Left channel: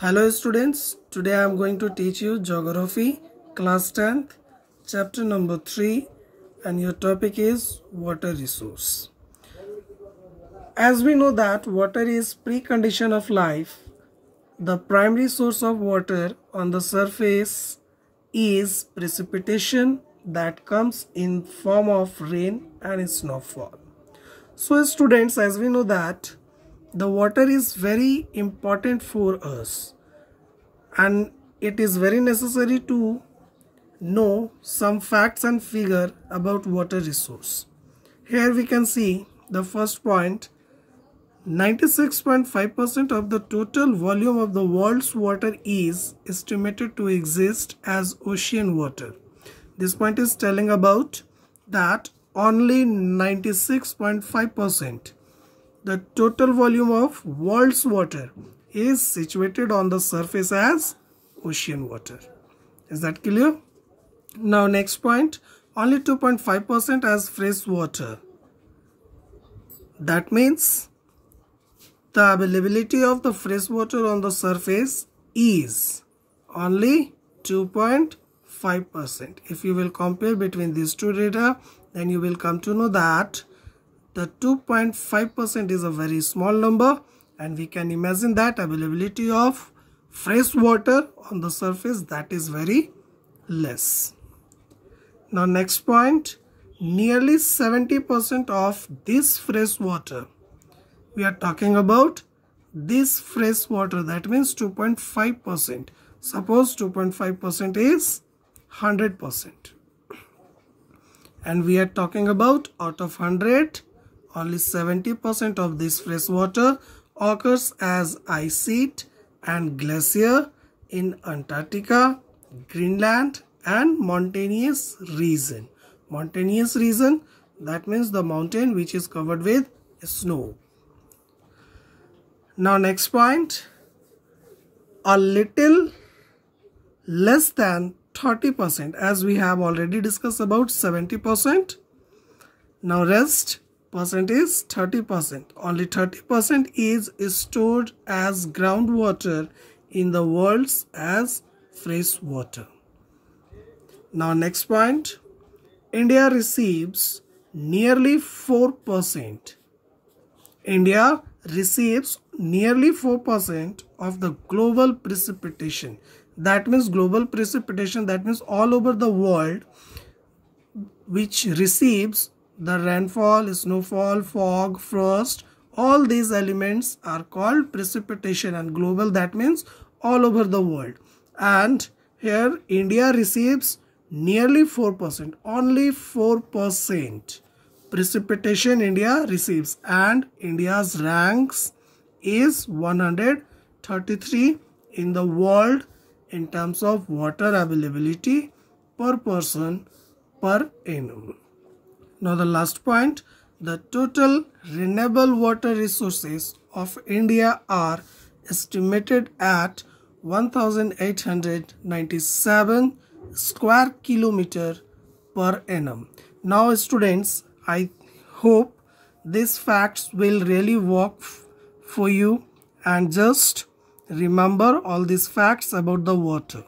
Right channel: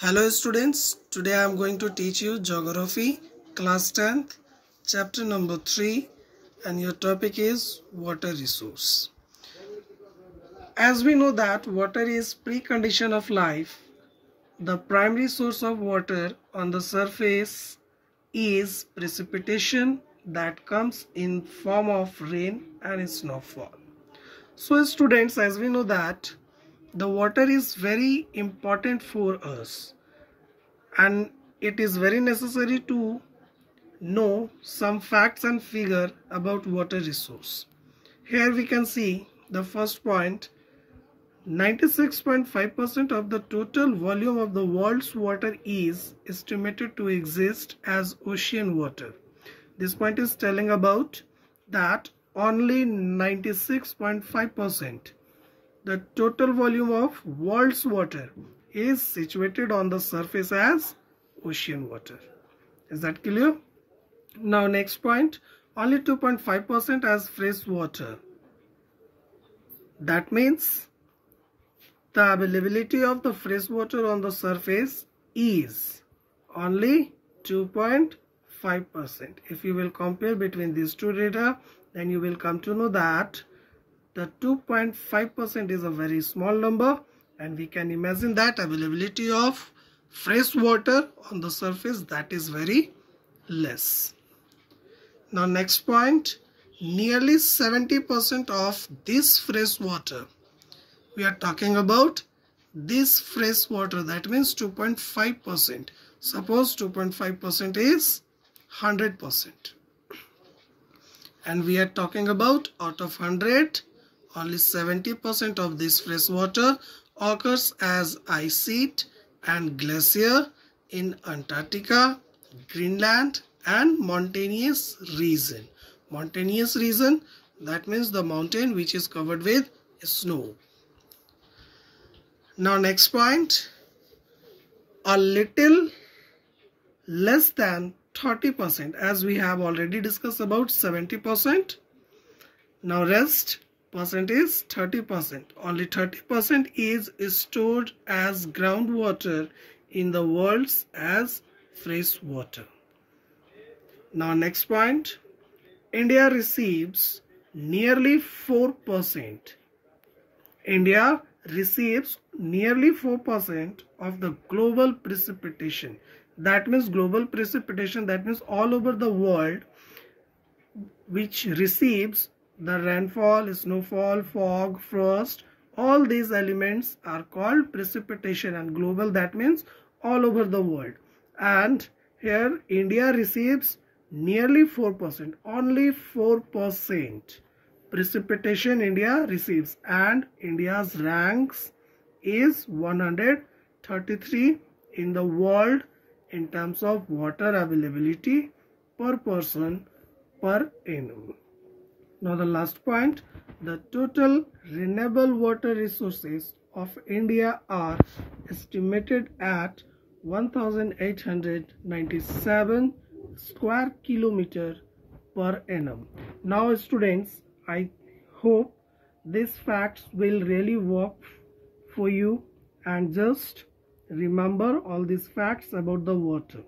Hello students, today I am going to teach you Geography, class 10th, chapter number 3, and your topic is water resource. As we know that water is precondition of life, the primary source of water on the surface is precipitation that comes in form of rain and snowfall. So students, as we know that the water is very important for us and it is very necessary to know some facts and figure about water resource. Here we can see the first point, 96.5% of the total volume of the world's water is estimated to exist as ocean water. This point is telling about that only 96.5% the total volume of world's water is situated on the surface as ocean water. Is that clear? Now next point, only 2.5% as fresh water. That means the availability of the fresh water on the surface is only 2.5%. If you will compare between these two data, then you will come to know that the 2.5% is a very small number, and we can imagine that availability of fresh water on the surface, that is very less. Now next point, nearly 70% of this fresh water, we are talking about this fresh water, that means 2.5%. Suppose 2.5% is 100%. And we are talking about out of 100, only 70% of this fresh water occurs as ice sheet and glacier in Antarctica, Greenland and mountainous region. Mountainous region, that means the mountain which is covered with snow. Now next point, a little less than 30%, as we have already discussed about 70%. Now rest percent is 30%. Only 30% is stored as groundwater in the world as fresh water. Now next point, India receives nearly 4%. India receives nearly 4% of the global precipitation. That means global precipitation, that means all over the world which receives the rainfall, snowfall, fog, frost, all these elements are called precipitation, and global, that means all over the world. And here India receives nearly 4%, only 4% precipitation India receives, and India's ranks is 133 in the world in terms of water availability per person per annum. Now the last point, the total renewable water resources of India are estimated at 1897 square kilometer per annum. Now students, I hope these facts will really work for you, and just remember all these facts about the water.